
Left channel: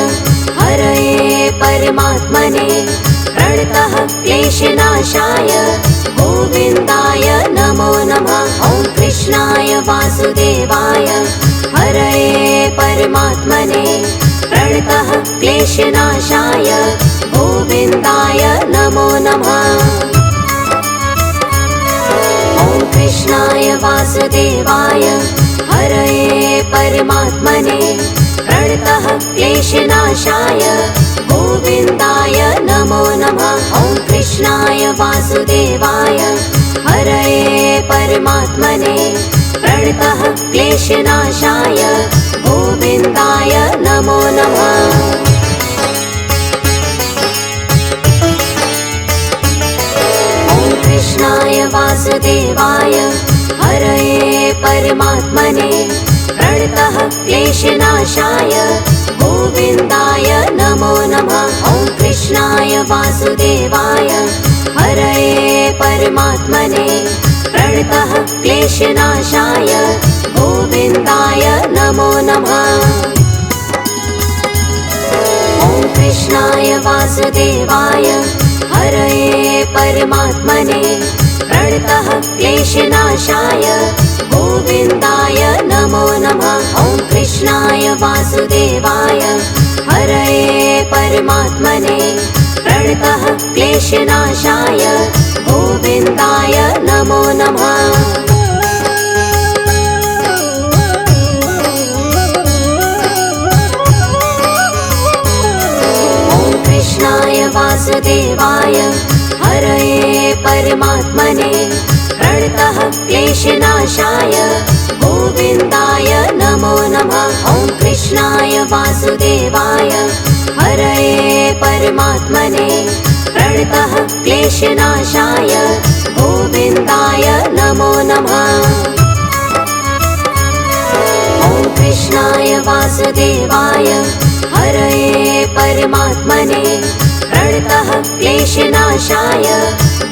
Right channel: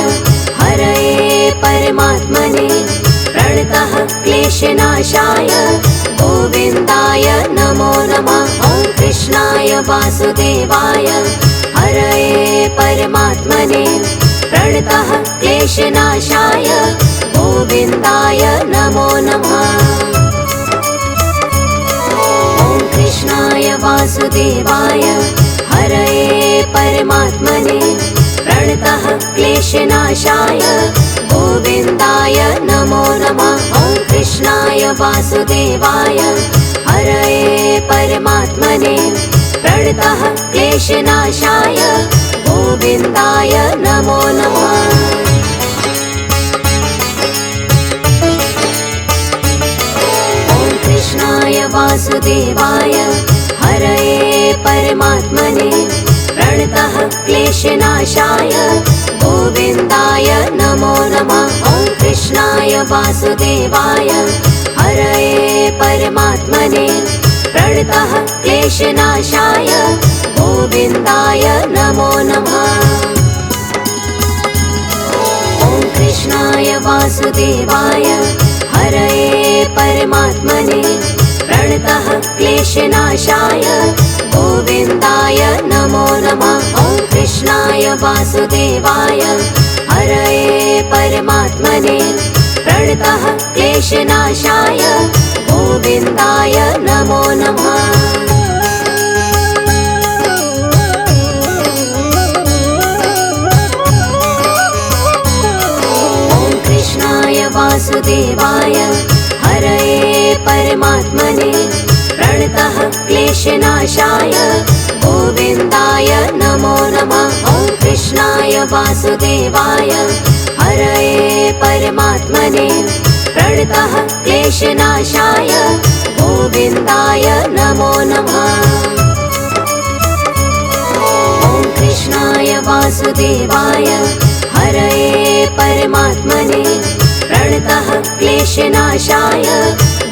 हरये परमात्मने प्रणतः क्लेशनाशाय गोविन्दाय नमो नमः। ॐ कृष्णाय वासुदेवाय हरये परमात्मने प्रणतः क्लेशनाशाय गोविन्दाय नमो नमः। ॐ कृष्णाय वासुदेवाय हरये परमात्मने प्रणतः क्लेशनाशाय गोविन्दाय नमो नमः। ॐ कृष्णाय वासुदेवाय हरये परमात्मने प्रणतः क्लेशनाशाय गोविन्दाय नमो नमः। ॐ कृष्णाय वासुदेवाय हरये परमात्मने प्रणतः क्लेशनाशाय गोविन्दाय नमो नमः। ॐ कृष्णाय वासुदेवाय हरये परमात्मने प्रणतः क्लेशनाशाय गोविन्दाय नमो नमः। ॐ कृष्णाय वासुदेवाय हरये परमात्मने प्रणतः क्लेशनाशाय गोविन्दाय नमो नमः। ॐ कृष्णाय वासुदेवाय हरये परमात्मने प्रणतः क्लेशनाशाय गोविन्दाय नमो नमः। ॐ कृष्णाय वासुदेवाय हरये परमात्मने प्रणतः क्लेशनाशाय गोविन्दाय नमो नमः। ॐ कृष्णाय वासुदेवाय हरये परमात्मने प्रणतः क्लेशनाशाय गोविन्दाय नमो नमः। ॐ कृष्णाय वासुदेवाय हरये परमात्मने प्रणतः क्लेशनाशाय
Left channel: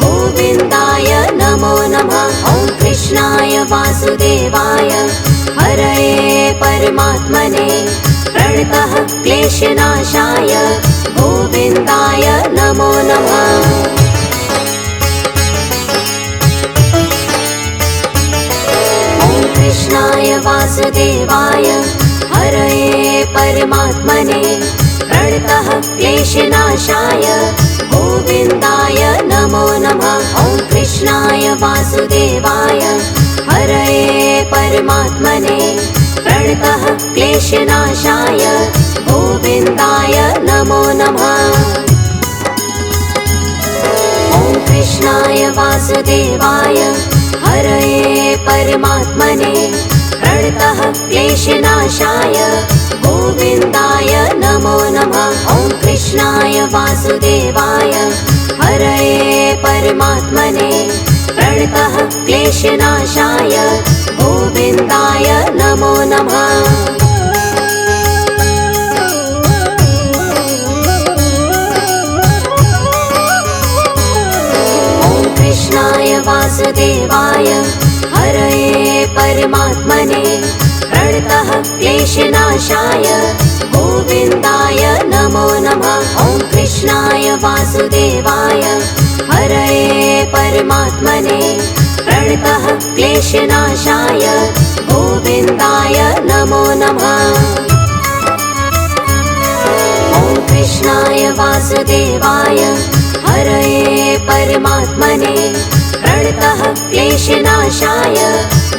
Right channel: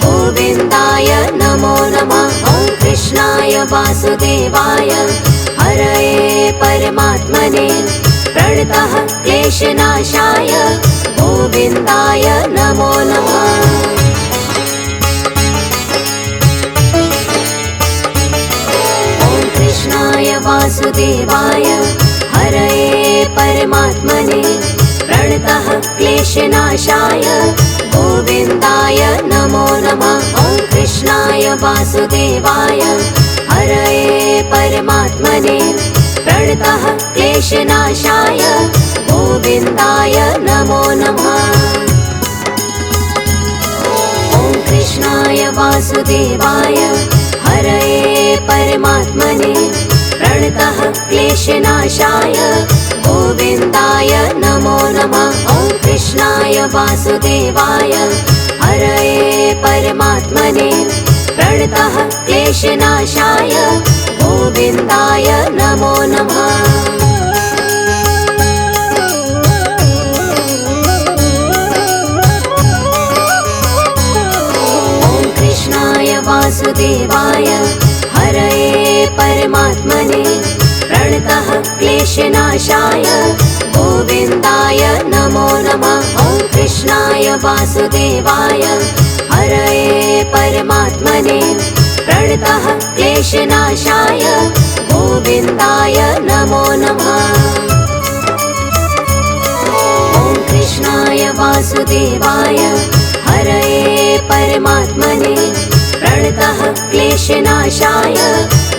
गोविन्दाय नमो नमः। ॐ कृष्णाय वासुदेवाय हरये परमात्मने प्रणतः क्लेशनाशाय गोविन्दाय नमो नमः। ॐ कृष्णाय वासुदेवाय हरये परमात्मने प्रणतः क्लेशनाशाय गोविन्दाय नमो नमः। ॐ कृष्णाय वासुदेवाय हरये परमात्मने प्रणतः क्लेशनाशाय गोविन्दाय नमो नमः। ॐ कृष्णाय वासुदेवाय हरये परमात्मने प्रणतः क्लेशनाशाय गोविन्दाय नमो नमः। ॐ कृष्णाय वासुदेवाय हरये परमात्मने प्रणतः क्लेशनाशाय गोविन्दाय नमो नमः। ॐ कृष्णाय वासुदेवाय हरये परमात्मने प्रणतः क्लेशनाशाय गोविन्दाय नमो नमः। ॐ कृष्णाय वासुदेवाय हरये परमात्मने प्रणतः क्लेशनाशाय गोविन्दाय नमो नमः। ॐ कृष्णाय वासुदेवाय हरये परमात्मने प्रणतः क्लेशनाशाय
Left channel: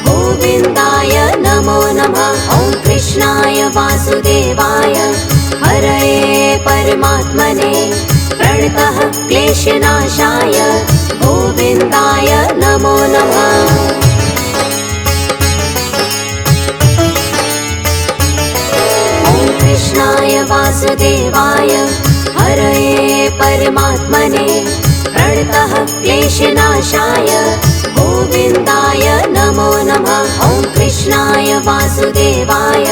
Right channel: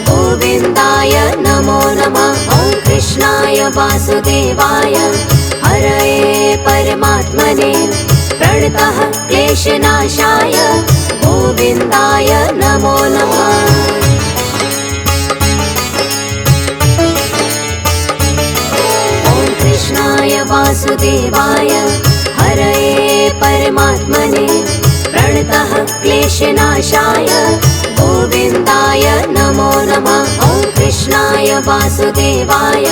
गोविन्दाय नमो नमः। ॐ कृष्णाय वासुदेवाय हरये परमात्मने प्रणतः क्लेशनाशाय गोविन्दाय नमो नमः। ॐ कृष्णाय वासुदेवाय हरये परमात्मने प्रणतः क्लेशनाशाय गोविन्दाय नमो नमः। ॐ कृष्णाय वासुदेवाय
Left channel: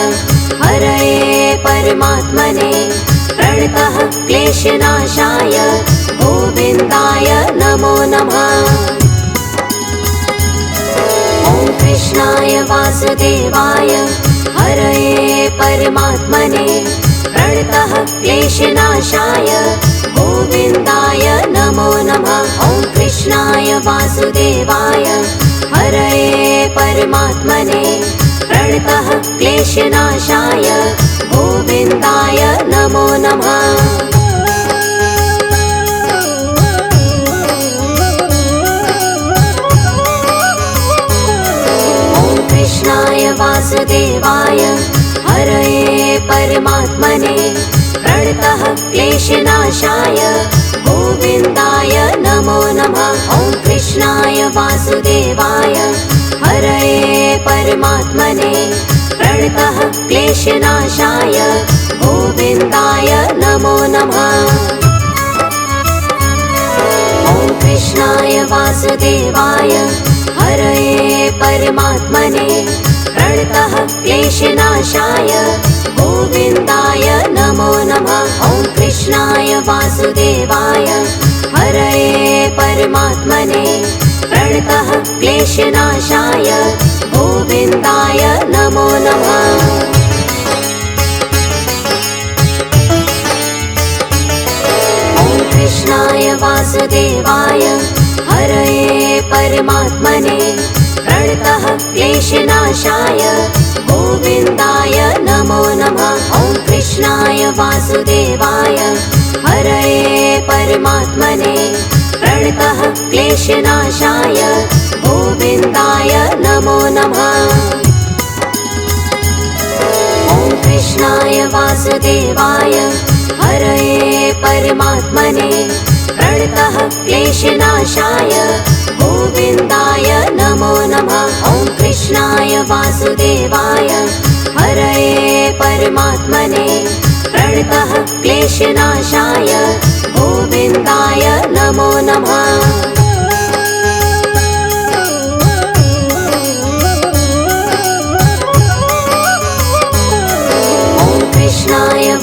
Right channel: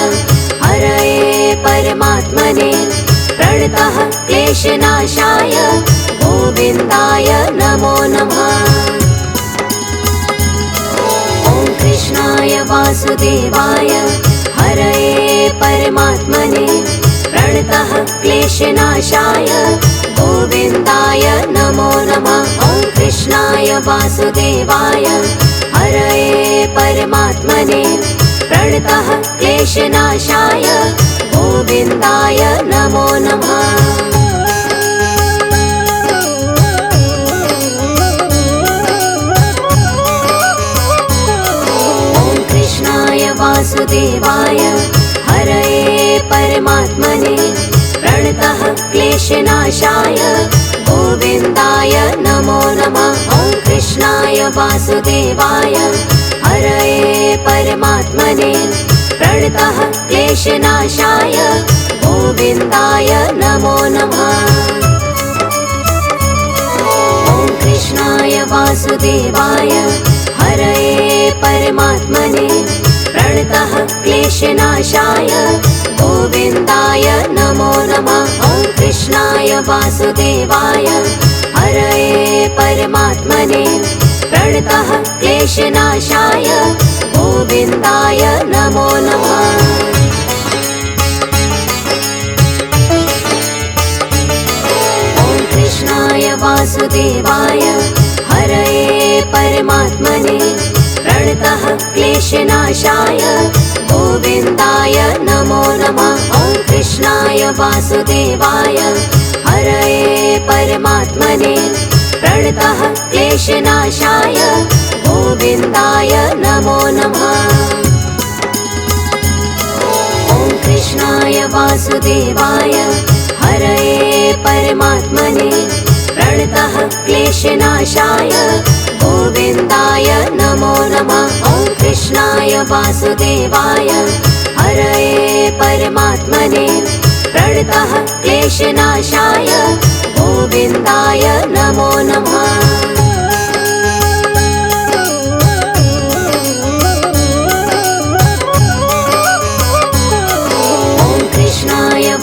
हरये परमात्मने प्रणतः क्लेशनाशाय गोविन्दाय नमो नमः। ॐ कृष्णाय वासुदेवाय हरये परमात्मने प्रणतः क्लेशनाशाय गोविन्दाय नमो नमः। ॐ कृष्णाय वासुदेवाय हरये परमात्मने प्रणतः क्लेशनाशाय गोविन्दाय नमो नमः। ॐ कृष्णाय वासुदेवाय हरये परमात्मने प्रणतः क्लेशनाशाय गोविन्दाय नमो नमः। ॐ कृष्णाय वासुदेवाय हरये परमात्मने प्रणतः क्लेशनाशाय गोविन्दाय नमो नमः। ॐ कृष्णाय वासुदेवाय हरये परमात्मने प्रणतः क्लेशनाशाय गोविन्दाय नमो नमः। ॐ कृष्णाय वासुदेवाय हरये परमात्मने प्रणतः क्लेशनाशाय गोविन्दाय नमो नमः। ॐ कृष्णाय वासुदेवाय हरये परमात्मने प्रणतः क्लेशनाशाय गोविन्दाय नमो नमः। ॐ कृष्णाय वासुदेवाय हरये परमात्मने प्रणतः क्लेशनाशाय गोविन्दाय नमो नमः। ॐ कृष्णाय वासुदेवाय हरये परमात्मने प्रणतः क्लेशनाशाय गोविन्दाय नमो नमः। ॐ कृष्णाय वासुदेवाय हरये परमात्मने परमात्मने प्रणतः क्लेशनाशाय गोविन्दाय नमो नमः।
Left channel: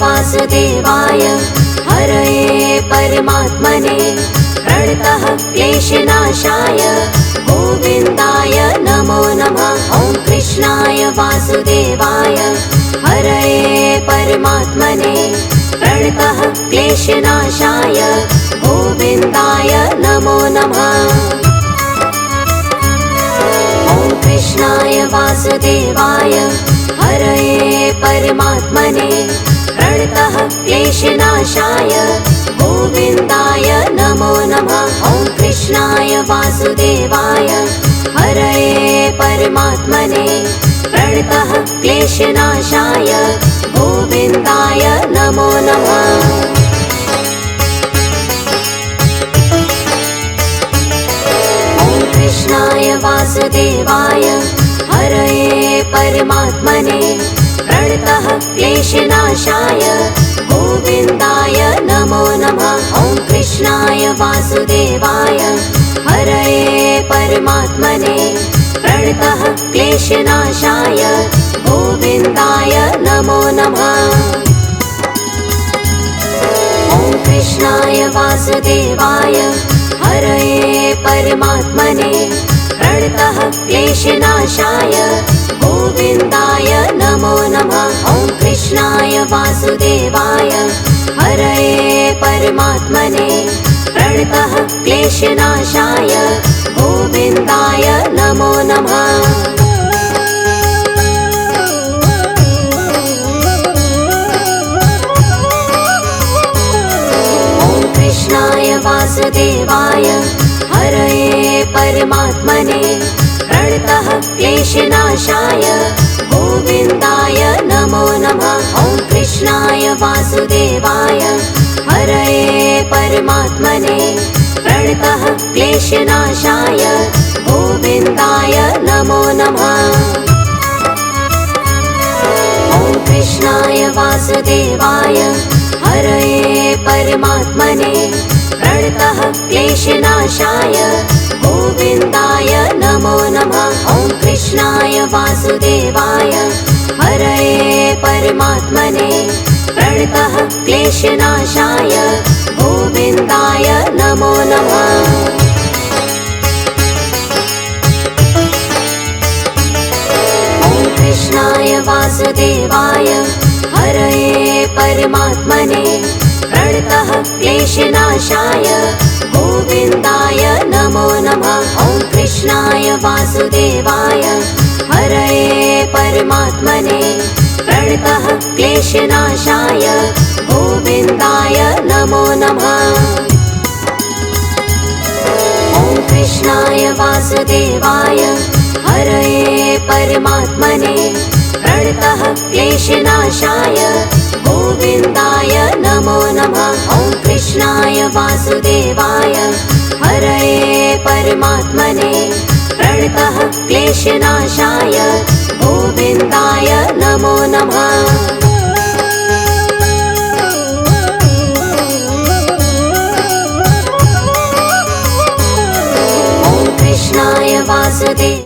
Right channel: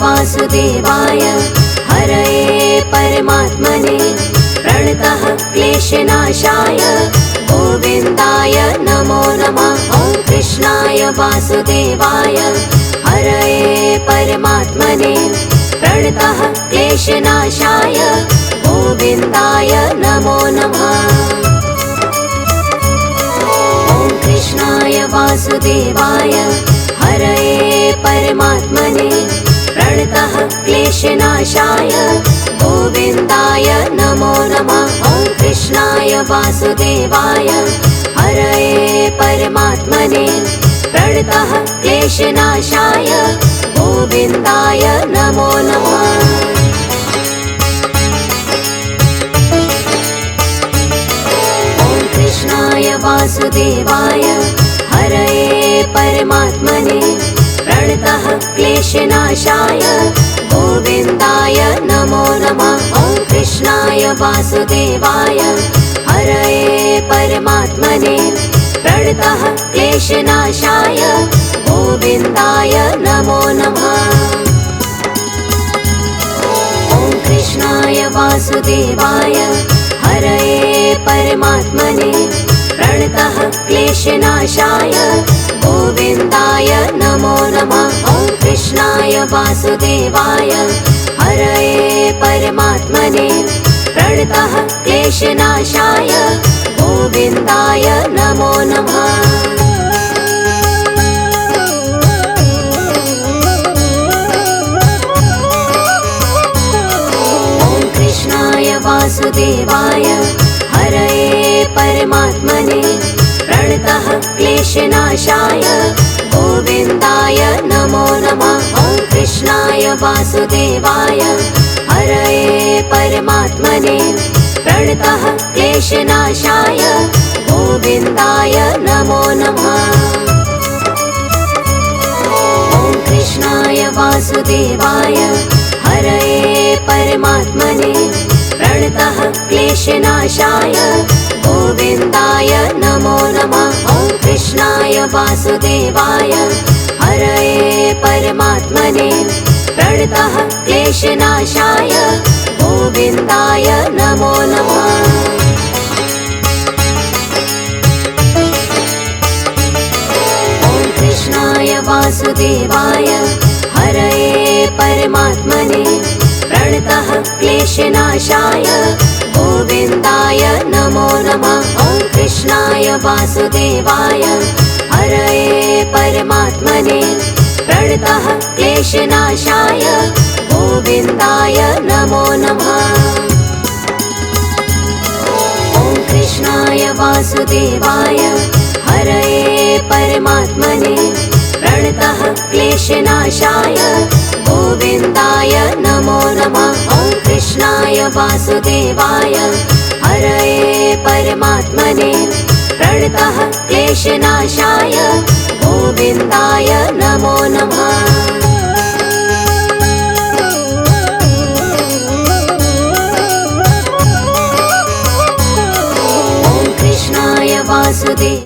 वासुदेवाय हरये परमात्मने प्रणतः क्लेशनाशाय गोविन्दाय नमो नमः। ॐ कृष्णाय वासुदेवाय हरये परमात्मने प्रणतः क्लेशनाशाय गोविन्दाय नमो नमः। ॐ कृष्णाय वासुदेवाय हरये परमात्मने प्रणतः क्लेशनाशाय गोविन्दाय नमो नमः। ॐ कृष्णाय वासुदेवाय हरये परमात्मने प्रणतः क्लेशनाशाय गोविन्दाय नमो नमः। ॐ कृष्णाय वासुदेवाय हरये परमात्मने प्रणतः क्लेशनाशाय गोविन्दाय नमो नमः। ॐ कृष्णाय वासुदेवाय हरये परमात्मने प्रणतः क्लेशनाशाय गोविन्दाय नमो नमः। ॐ कृष्णाय वासुदेवाय हरये परमात्मने प्रणतः क्लेशनाशाय गोविन्दाय नमो नमः। ॐ कृष्णाय वासुदेवाय हरये परमात्मने प्रणतः क्लेशनाशाय गोविन्दाय नमो नमः। ॐ कृष्णाय वासुदेवाय हरये परमात्मने प्रणतः क्लेशनाशाय गोविन्दाय नमो नमः। ॐ कृष्णाय वासुदेवाय हरये परमात्मने प्रणतः क्लेशनाशाय गोविन्दाय नमो नमः। ॐ कृष्णाय वासुदेवाय हरये परमात्मने प्रणतः क्लेशनाशाय गोविन्दाय नमो नमः। ॐ कृष्णाय वासुदेवाय हरये परमात्मने प्रणतः क्लेशनाशाय गोविन्दाय नमो नमः। ॐ कृष्णाय वासुदेवाय हरये परमात्मने प्रणतः क्लेशनाशाय गोविन्दाय नमो नमः। ॐ कृष्णाय वासुदेवाय हरये परमात्मने प्रणतः क्लेशनाशाय गोविन्दाय नमो नमः। ॐ कृष्णाय वासुदेवाय हरये परमात्मने प्रणतः क्लेशनाशाय गोविन्दाय नमो नमः। ॐ कृष्णाय वासुदेवाय हरये परमात्मने प्रणतः क्लेशनाशाय गोविन्दाय नमो नमः। ॐ कृष्णाय वासुदेवाय